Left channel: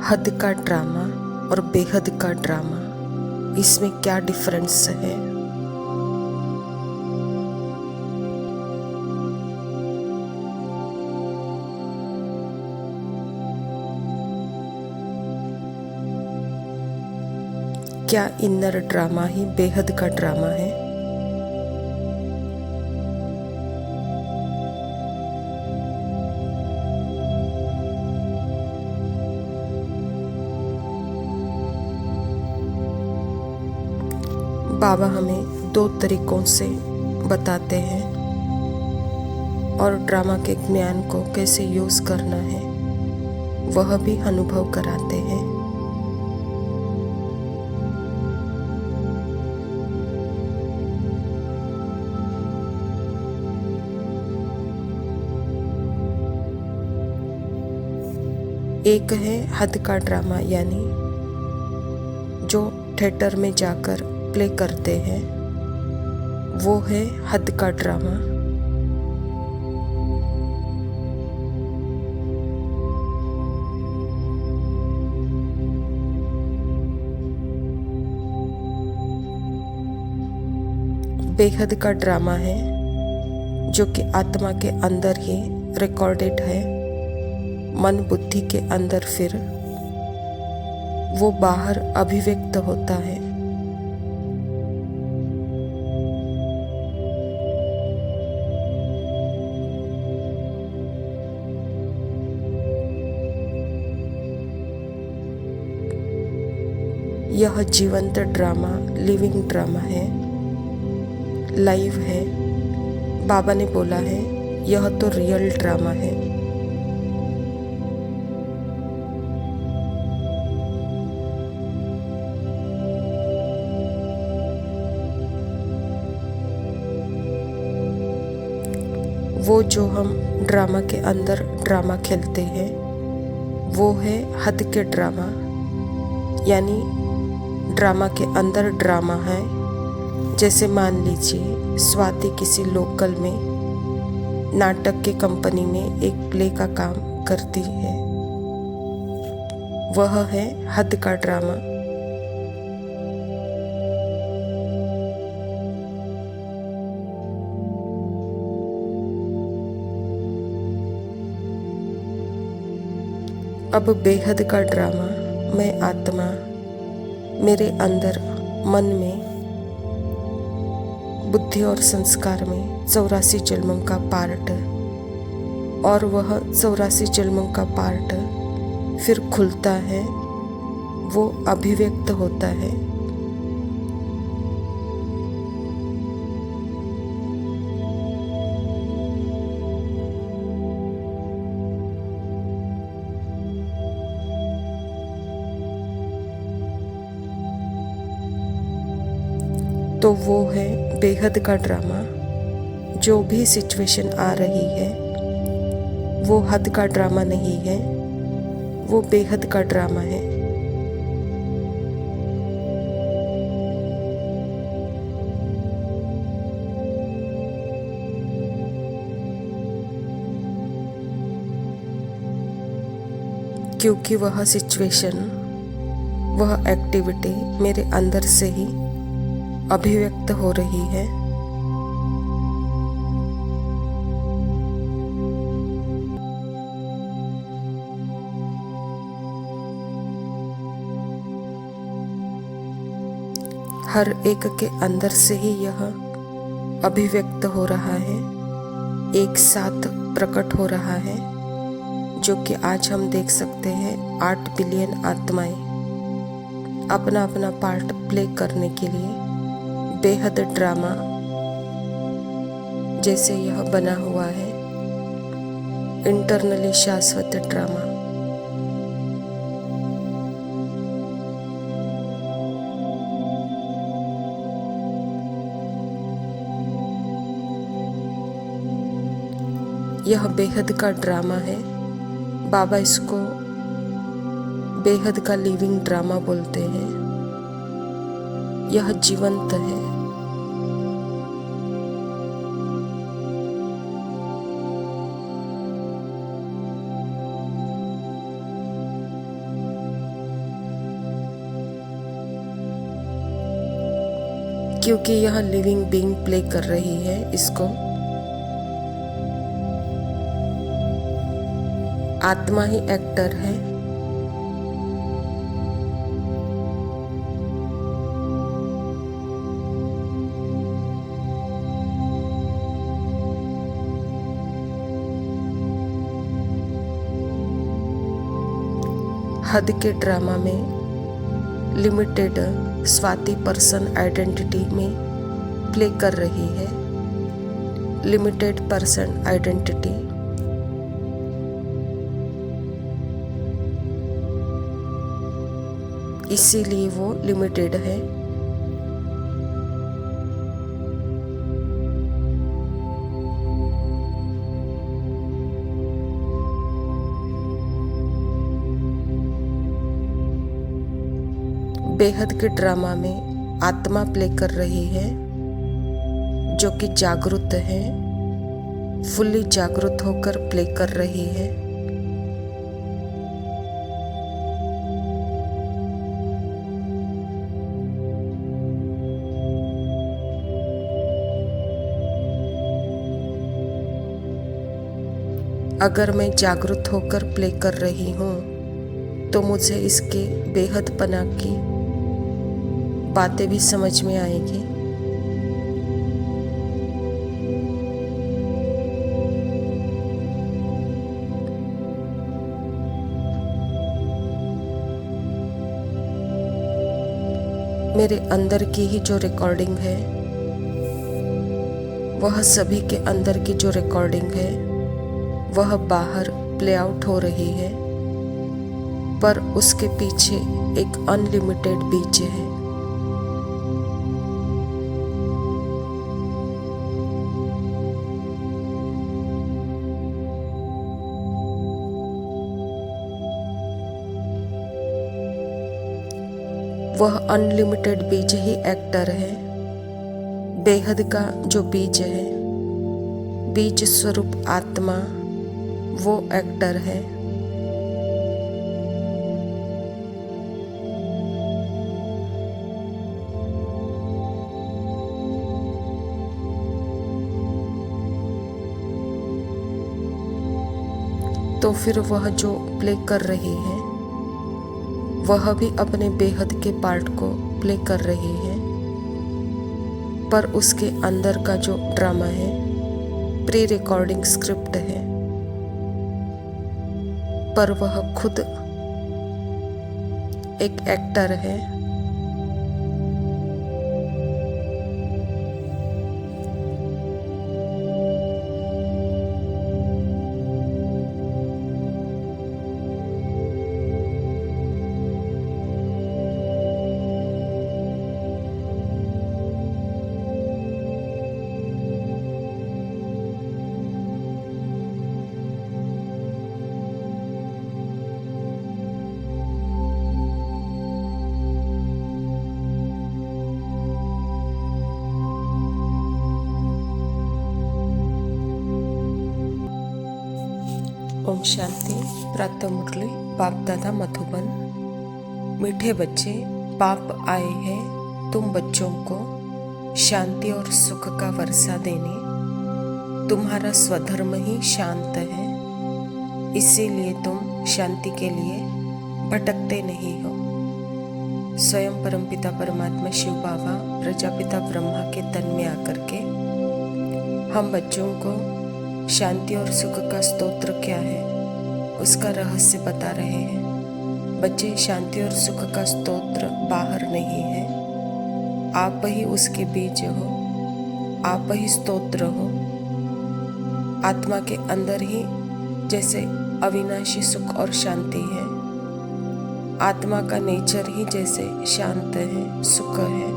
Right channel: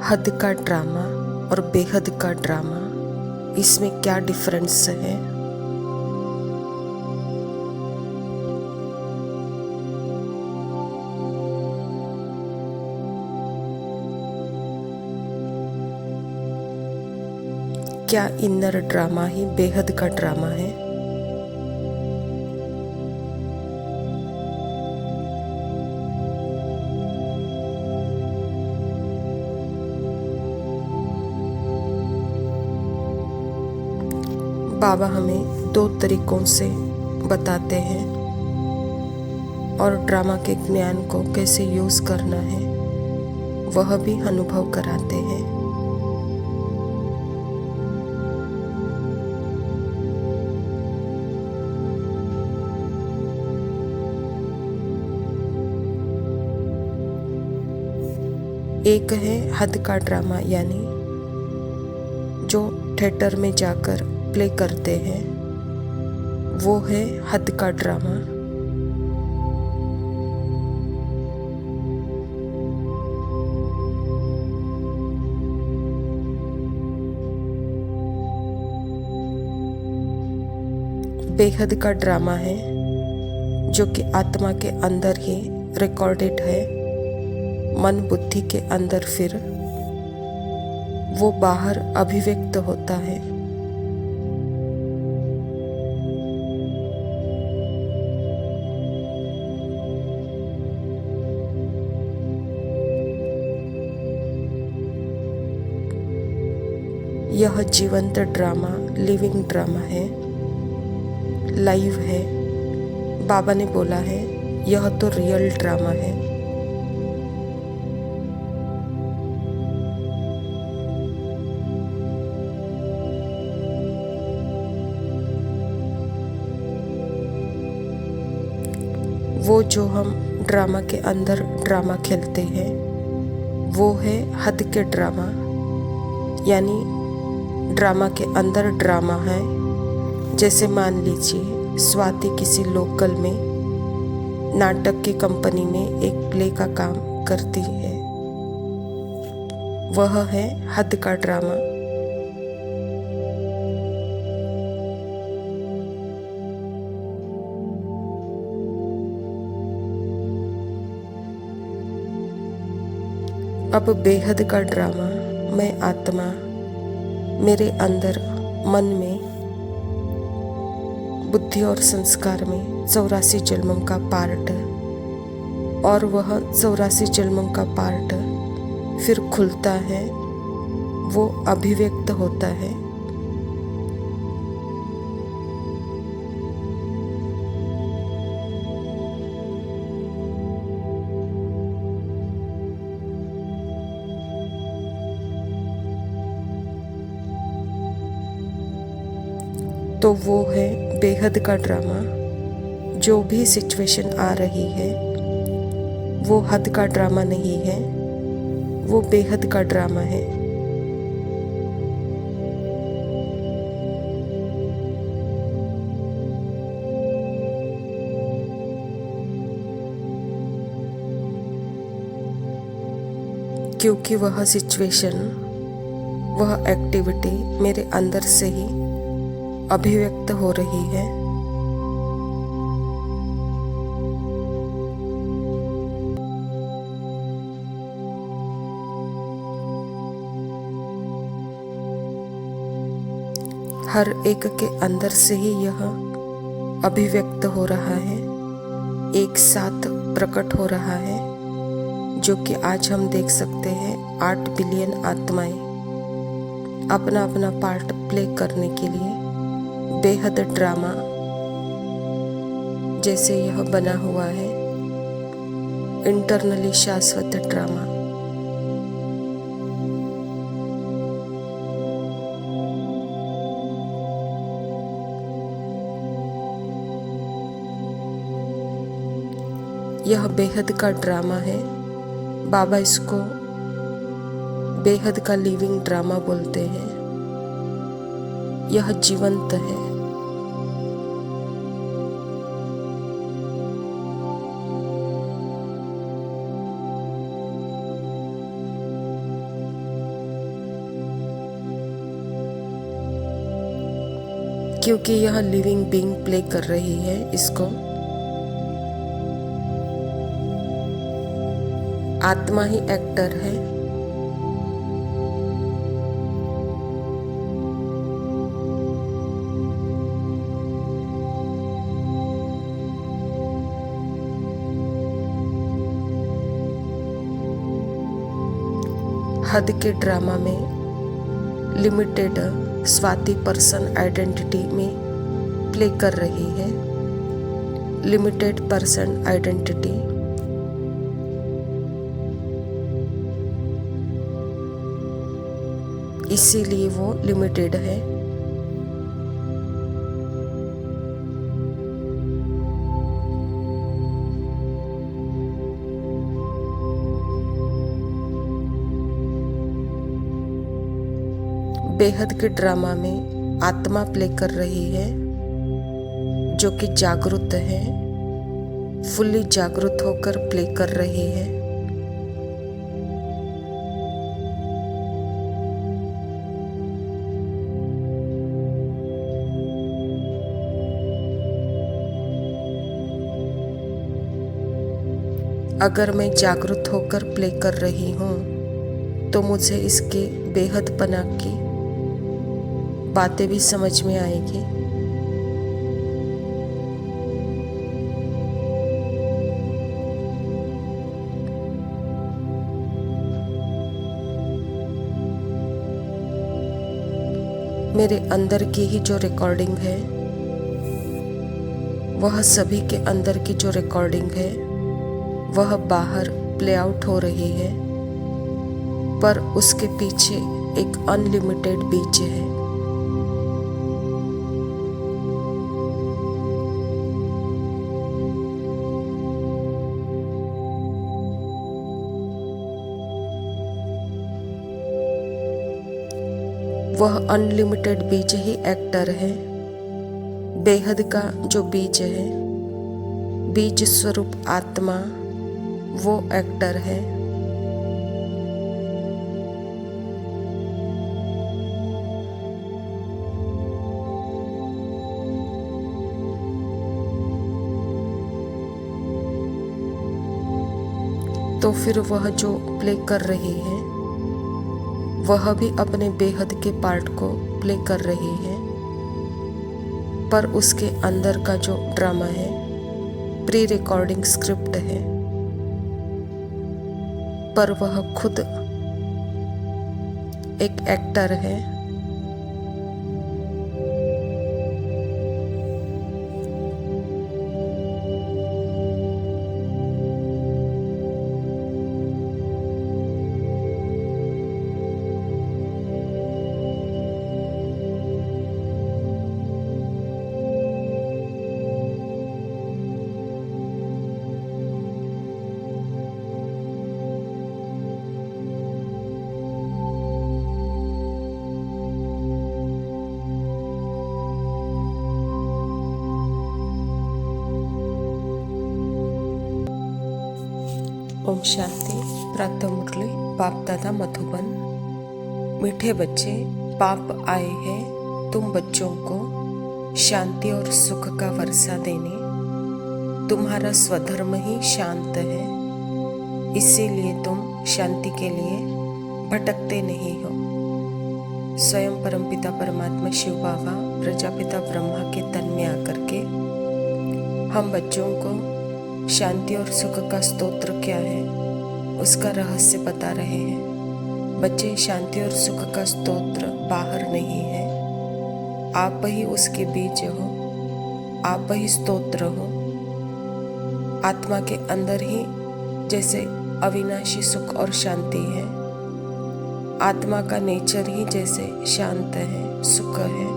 हद का ड्रामा और बेहद का ड्रामा, इसमें क्या डिफरेंस है? क्या इनर ड्रामा ही बेहद का ड्रामा है? बाबा हमें 2 तरीकों से बताते हैं और ड्रामा के ज्ञान को कैसे यूज़ करना है वह भी अनुभव कराते हैं। एक है हद का ड्रामा, यानी जो थिएटर में जाकर प्ले करते हैं, वो है हद का ड्रामा। बेहद का ड्रामा है जो कि आत्मा के अंदर ही रिकॉर्डेड है, मन बुद्धि के अंदर फिर वो बाहर अभिव्यक्त होता है। यह जीवंत ड्रामा, लिविंग ड्रामा है, लाइव है। बाबा ने बोला है यह तो रियल ड्रामा है। वो जो हम ड्रामा के अंदर ड्रामा खेलते हैं वो है हद के ड्रामा, यानी ड्रामा के अंदर ड्रामा है। जैसे मान लीजिए स्वाति किसी लोकल में नाटक की कंपनी में एक प्ले का काम करती है, वह है हद का ड्रामा। अब बेहद का ड्रामा, मैं आत्मा, मेरे अंदर मन में, बुद्धि और संस्कार में 84 जन्मों का पार्ट, और वह 84 जन्मों का पार्ट फिर खुलता है, वो अभिव्यक्त होता है। तो वो है बेहद का ड्रामा। जो भी सिचुएशन आ रही है वो हद का ड्रामा नहीं है, वो बेहद का ड्रामा है। क्योंकि वह सिचुएशन, वह एक्टिविटी मेरे अंदर से ही अभिव्यक्त हो रही है। हर एक के अंदर से ही यह अभिव्यक्त हो रहा है, एक साथ प्रकट हो रहा है, जो कि आज हम देख सकते हैं 8 बिलियन आत्माएं अपना अपना पार्ट प्ले करने के लिए बेहद ड्रामा जैसे यह बना हुआ है, इंटरनली शाश्वत ड्रामा। यह बेहद का ड्रामा है। बाबा इसको बेहद का लिविंग ड्रामा बोलते हैं। यह जीवंत है। क्योंकि यह लिविंग बीइंग प्ले कर रही है इसको। आत्मा ही एक्टर है। हद के ड्रामा में लिमिटेड स्वाति पर्सन आइडेंटिटी में प्ले कर रही है। लिमिटेड पर्सन आइडेंटिटी इसीलिए वो लिमिटेड है। बेहद के ड्रामा में आत्मा प्ले कर रही है, जो कि जागरूक है, फुल्ली जागरूक होकर प्ले कर रही है। अगर मैं जागरूक होकर प्ले कर रही हूँ तो मुझे इसके बेहद पना की बातें भी समझ में आएगी। मेरे अंदर की ही जो रिकॉर्डिंग है, वह सभी के अंदर की जो रिकॉर्डिंग है, वह बाहर प्ले आउट हो रही है, पर उसके पीछे एक अनलिमिटेड बीज है। वह अनलिमिटेड बीज ही एक्टर है। बेहद का जो बीज है, बीज स्वरूप आत्मा, वो एक्टर है। तो फिर वह जो प्ले कर रही है, वह भी अपने बेहद के पार्ट को प्ले कर रही है, पर उसके अंदर का जो ड्रामा है, प्री रिकॉर्डिंग स्क्रिप्ट है, पर वह खुद एक एक्टर है। ओम शांति। प्रातः मुरली बाप दादा मधुबन। मीठे बच्चे, पाप आए हैं तुम बच्चों को शांति और सुख का वर्षा देने। तुम्हारा स्वधर्म ही शांत है, इसीलिए तुम शांति के लिए भटकते नहीं हो। स्वयं परमपिता परमात्मा शिव बाबा प्रजापिता ब्रह्मा के तन में आकर के हम बच्चों को शांति और सुख का स्तोत्र क्या है उसका रहस्य बता रहे हैं। बच्चे, शांति और सुख का स्तोत्र बाहर नहीं है, आप ही उसके बीज हो, आप ही स्तोत्र हो। आत्मा के अंदर ही जैसे अविनाशी सुख और शांति है, आत्मा का नेचर ही जैसे शांत है, सुख है,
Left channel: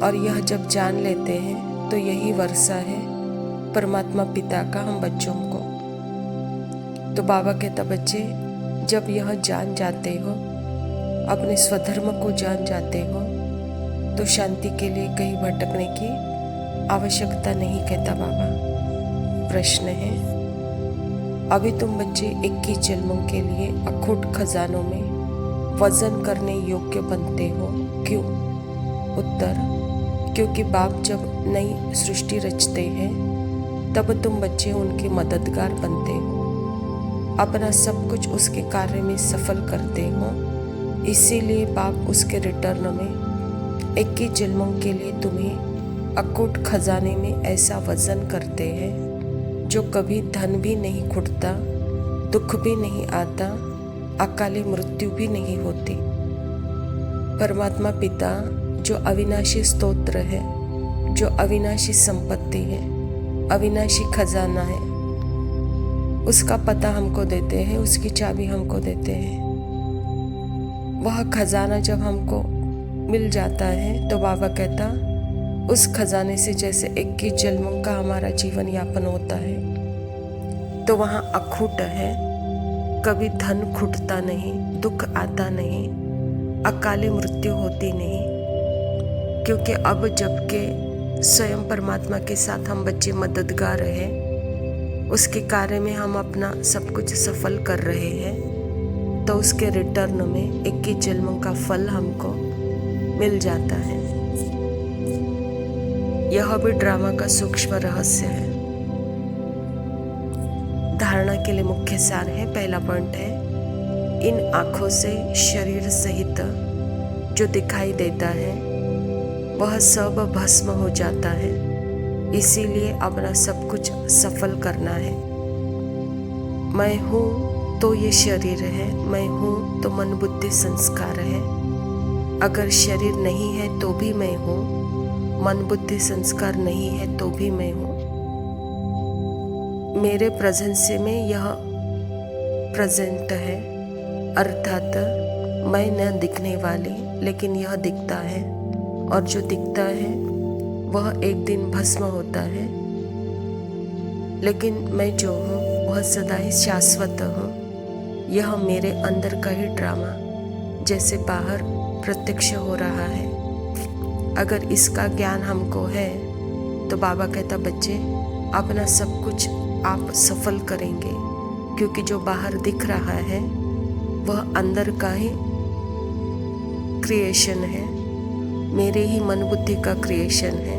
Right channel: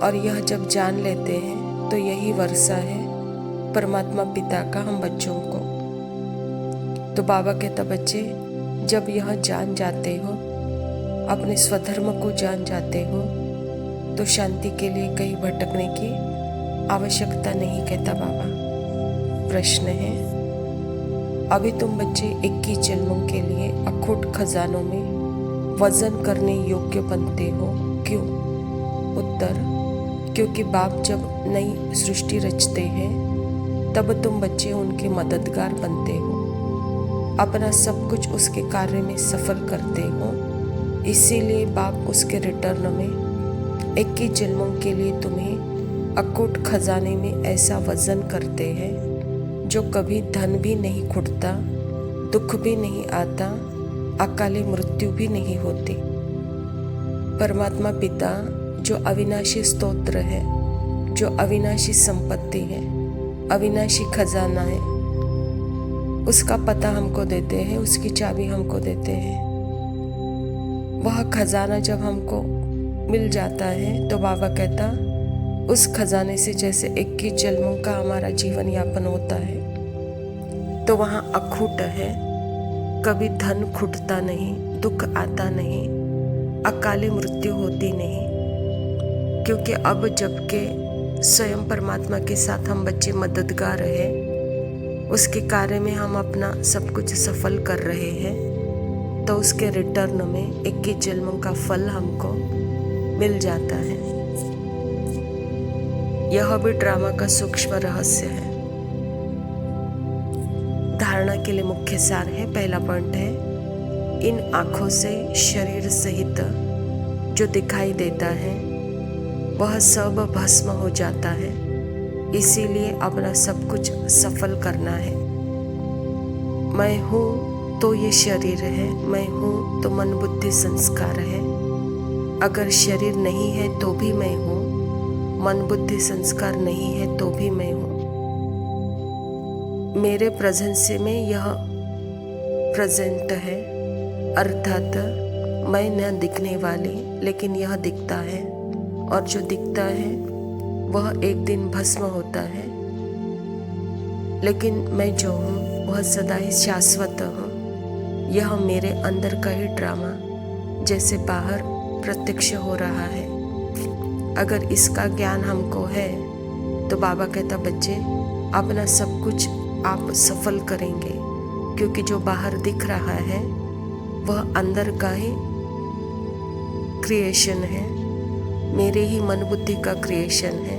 और यह जब जान लेते हैं तो यही वर्षा है परमात्मा पिता का हम बच्चों को। तो बाबा कहता, बच्चे जब यह जान जाते हो, अपने स्वधर्म को जान जाते हो, तो शांति के लिए कहीं भटकने की आवश्यकता नहीं, कहता बाबा। प्रश्न है, अभी तुम बच्चे 21 जन्मों के लिए अखूट खजानों में वजन करने योग्य बनते हो, क्यों? उत्तर, क्योंकि बाप जब नई सृष्टि रचते हैं तब तुम बच्चे उनके मददगार बनते हो, अपना सब कुछ उसके कार्य में सफल करते हो। इसीलिए बाप उसके रिटर्न में 21 जन्मों के लिए तुम्हें अकूट खजाने में ऐसा वजन करते हैं जो कभी धन भी नहीं खुटता, दुख भी नहीं आता, अकाली मृत्यु भी नहीं होती। परमात्मा पिता जो अविनाशी स्तोत्र है, जो अविनाशी संपत्ति है, अविनाशी खजाना है, उसका पता हमको देते हैं, उसकी चाबी हमको देते हैं। वह खजाना जब हमको मिल जाता है तो बाबा कहता, उस खजाने से जैसे 21 जन्मों का हमारा जीवन यापन होता है, तो वहाँ अखूट है, कभी धन खुटता नहीं, दुख आता नहीं, अकाली मृत्यु होती नहीं। क्योंकि अब जबकि स्वयं परमात्मा के साथ हम बच्चे मददगार हैं, उसके कार्य में हम अपना सब कुछ सफल कर रहे हैं, तो उसके रिटर्न में 21 जन्मों का फल हमको मिल जाता है। यह भी ड्रामा का सूक्ष्म रहस्य है। धारणा के लिए मुख्य सार है। पहला पॉइंट है, इन आँखों से शरीर सहित जो दिखाई देता है वह सब भस्म हो जाता है। इसीलिए अपना सब कुछ सफल करना है। मैं हूँ तो ये शरीर है, मैं हूँ तो मन बुद्धि संस्कार है। अगर शरीर नहीं है तो भी मैं हूँ, मन बुद्धि संस्कार नहीं है तो भी मैं हूँ। मेरे प्रेजेंस में यह प्रेजेंट है, अर्थात मैं न दिखने वाली, लेकिन यह दिखता है, और जो दिखता है वह एक दिन भस्म होता है। लेकिन मैं जो हूँ वह सदा ही शाश्वत हूँ। यह मेरे अंदर का ही ड्रामा जैसे बाहर प्रत्यक्ष हो रहा है। अगर इसका ज्ञान हमको है तो बाबा कहता, बच्चे अपना सब कुछ आप सफल करेंगे, क्योंकि जो बाहर दिख रहा है वह अंदर का ही क्रिएशन है, मेरे ही मन बुद्धि का क्रिएशन है।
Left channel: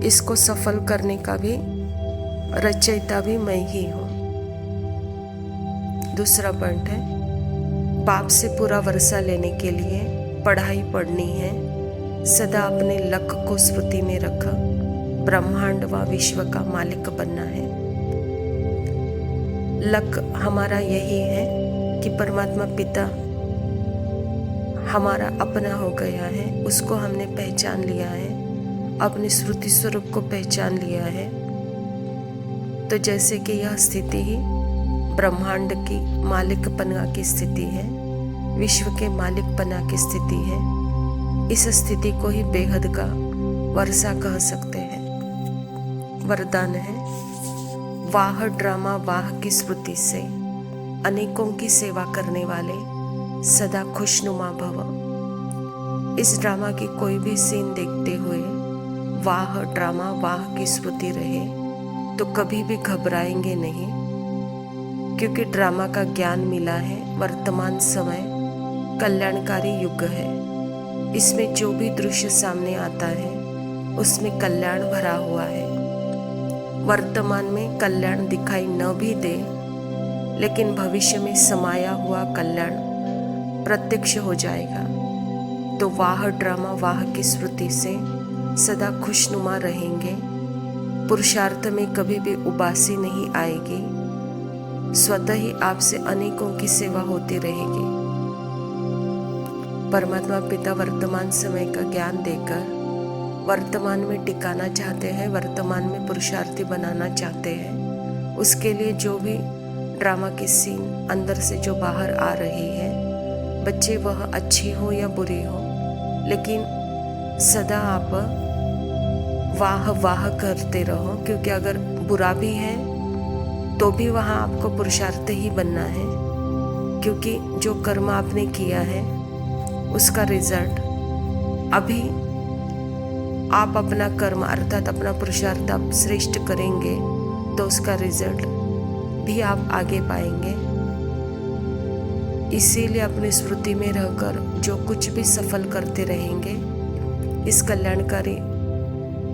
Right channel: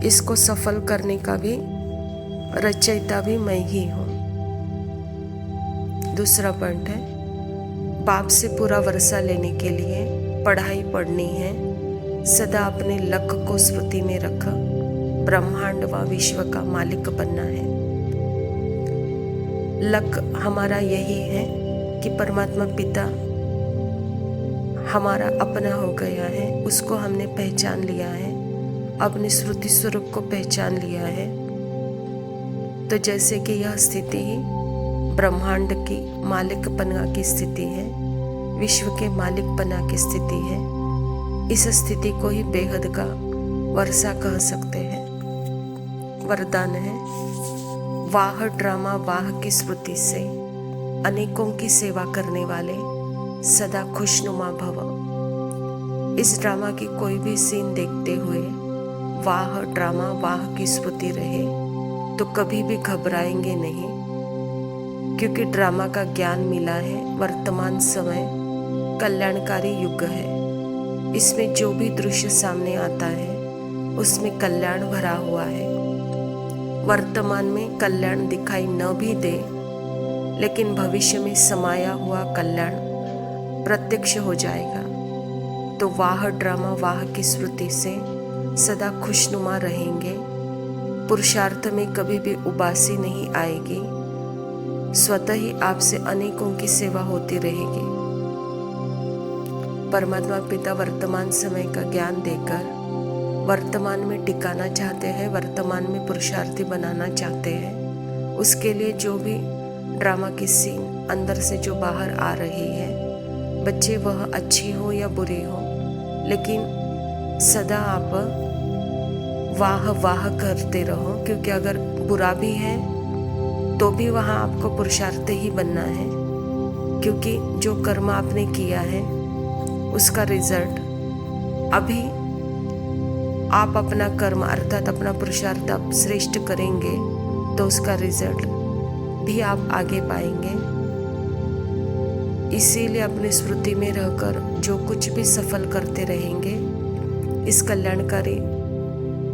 इसको सफल करने का भी रचयिता भी मैं ही हूँ। दूसरा पॉइंट है, बाप से पूरा वर्षा लेने के लिए पढ़ाई पढ़नी है। सदा अपने लक्ष्य को स्मृति में रख, ब्रह्मांड व विश्व का मालिक बनना है। लक्ष्य हमारा यही है कि परमात्मा पिता हमारा अपना हो गया है, उसको हमने पहचान लिया है, अपने श्रुति स्वरूप को पहचान लिया है। तो जैसे कि यह स्थिति ही ब्रह्मांड की मालिकपना की स्थिति है, विश्व के मालिकपना की स्थिति है। इस स्थिति को ही बेहद का वर्षा कह सकते हैं। वरदान है, वाह ड्रामा वाह की स्मृति से अनेकों की सेवा करने वाले सदा खुशनुमा भव। इस ड्रामा की कोई भी सीन देखते हुए वाह ड्रामा वाह की स्मृति रहे तो कभी भी घबराएंगे नहीं, क्योंकि ड्रामा का ज्ञान मिला है। वर्तमान समय कल्याणकारी युग है। इसमें जो भी दृश्य सामने आता है उसमें कल्याण भरा हुआ है। वर्तमान में कल्याण दिखाई न भी दे, लेकिन भविष्य में समाया हुआ कल्याण प्रत्यक्ष हो जाएगा। तो वाह ड्रामा वाह की स्मृति से सदा खुशनुमा रहेंगे। पुरुषार्थ में कभी भी उबासी नहीं आएगी। स्वतः ही आपसे अनेकों की सेवा होती रहेगी। परमात्मा पिता वर्तमान समय का ज्ञान देकर वर्तमान में टिकाना चाहते हैं, वर्तमान में पुरुषार्थी बनाना चाहते हैं। उसके लिए जो भी ड्रामा की सीन अंदर से जो बाहर आ रही है, बच्चे वह अच्छी हो या बुरी हो, लेकिन सदा आप वाह वाह करते रहो, क्योंकि अगर बुरा भी है तो भी वहाँ आपको पुरुषार्थ ही बनना है, क्योंकि जो कर्म आपने किया है उसका रिजल्ट अभी आप अपना कर्म अर्थात अपना पुरुषार्थ आप श्रेष्ठ करेंगे तो उसका रिजल्ट भी आप आगे पाएंगे। इसीलिए अपनी स्मृति में रहकर जो कुछ भी सफल करते रहेंगे इस कल्याणकारी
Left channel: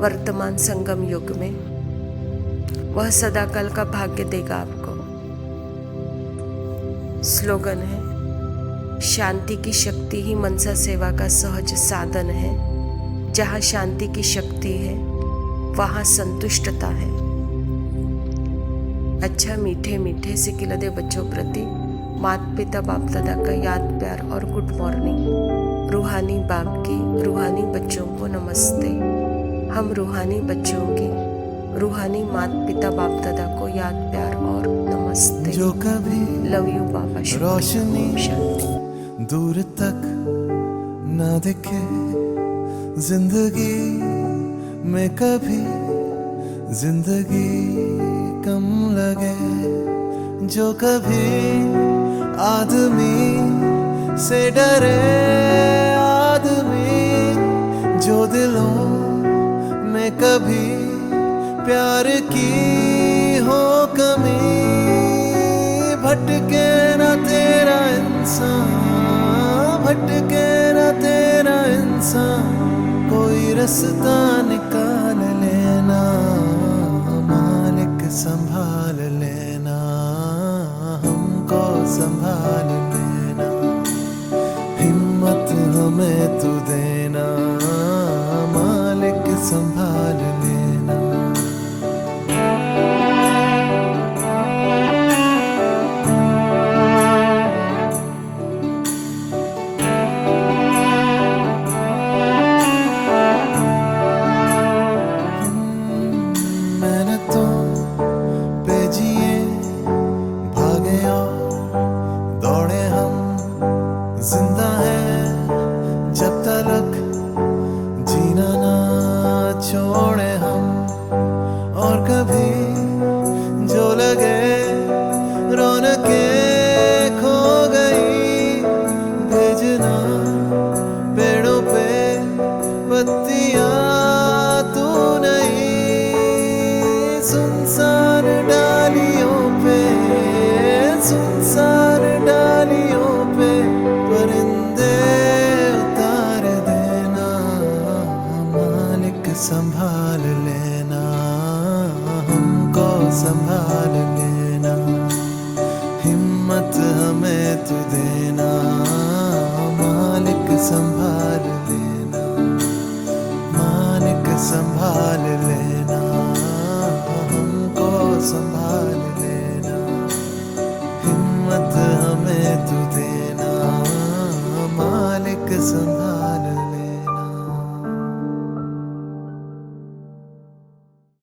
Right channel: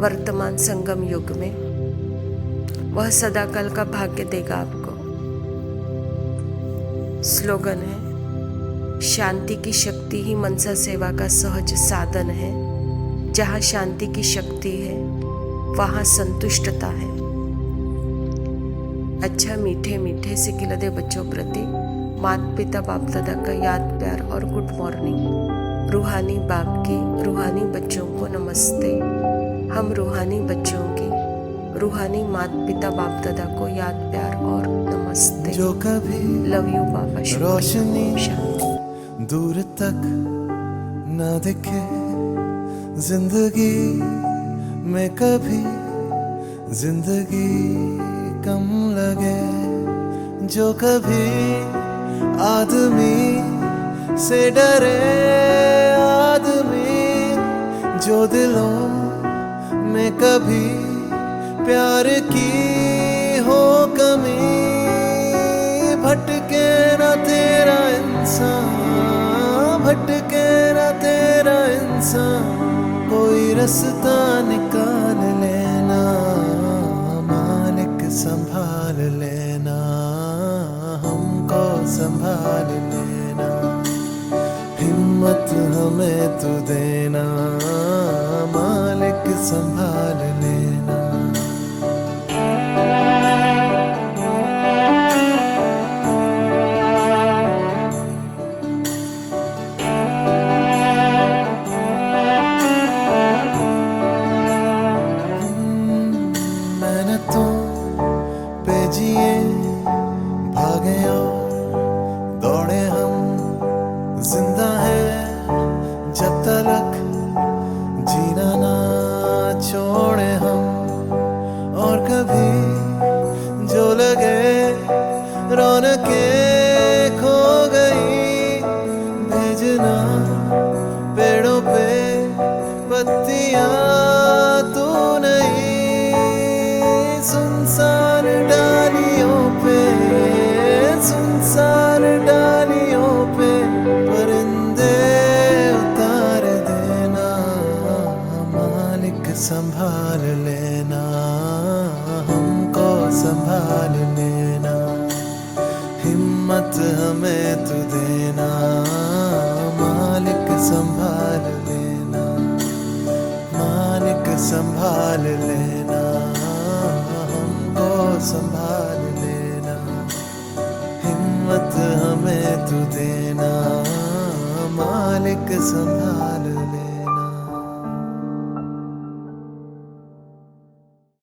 वर्तमान संगम युग में, वह सदाकाल का भाग्य देगा आपको। स्लोगन है, शांति की शक्ति ही मनसा सेवा का सहज साधन है। जहाँ शांति की शक्ति है वहाँ संतुष्टता है। अच्छा, मीठे मीठे सिकिलदे बच्चों प्रति माता पिता बाप दादा का याद प्यार और गुड मॉर्निंग। रूहानी बाप के रूहानी बच्चों को नमस्ते। हम रूहानी बच्चों की रूहानी माता पिता बाप दादा को याद प्यार और नमस्ते। जो कभी लव यू बाबा। रोशनी शांति। दूर तक न दिखे, जिंदगी में कभी जिंदगी कम लगे। जो कभी आदमी से डरे आदमी, जो दिलों में कभी प्यार की हो कमी, भटके ना तेरा इंसान, भटके ना तेरा इंसान, कोई रास्ता निकाल लेना, मालिक संभाल लेना, हमको संभाल लेना। हिम्मत हमें तू देना, मालिक संभाल लेना। मेहनतों पे जिए भागे और दौड़े हम, जिंदा है जब तक जीना ना छोड़े हम। और कभी जो लगे रौनकें खो गई, भेजना पेड़ों पे पत्तियां तू नहीं, सुनसान डालियों पे, सुनसान डालियों पे परिंदे उतार देना, मालिक संभाल लेना, हमको संभाल लेना। हिम्मत हमें तू देना, मालिक संभाल लेना, मालिक संभाल लेना, हमको संभाल लेना। हिम्मत हमें तू देना, मालिक संभाल लेना।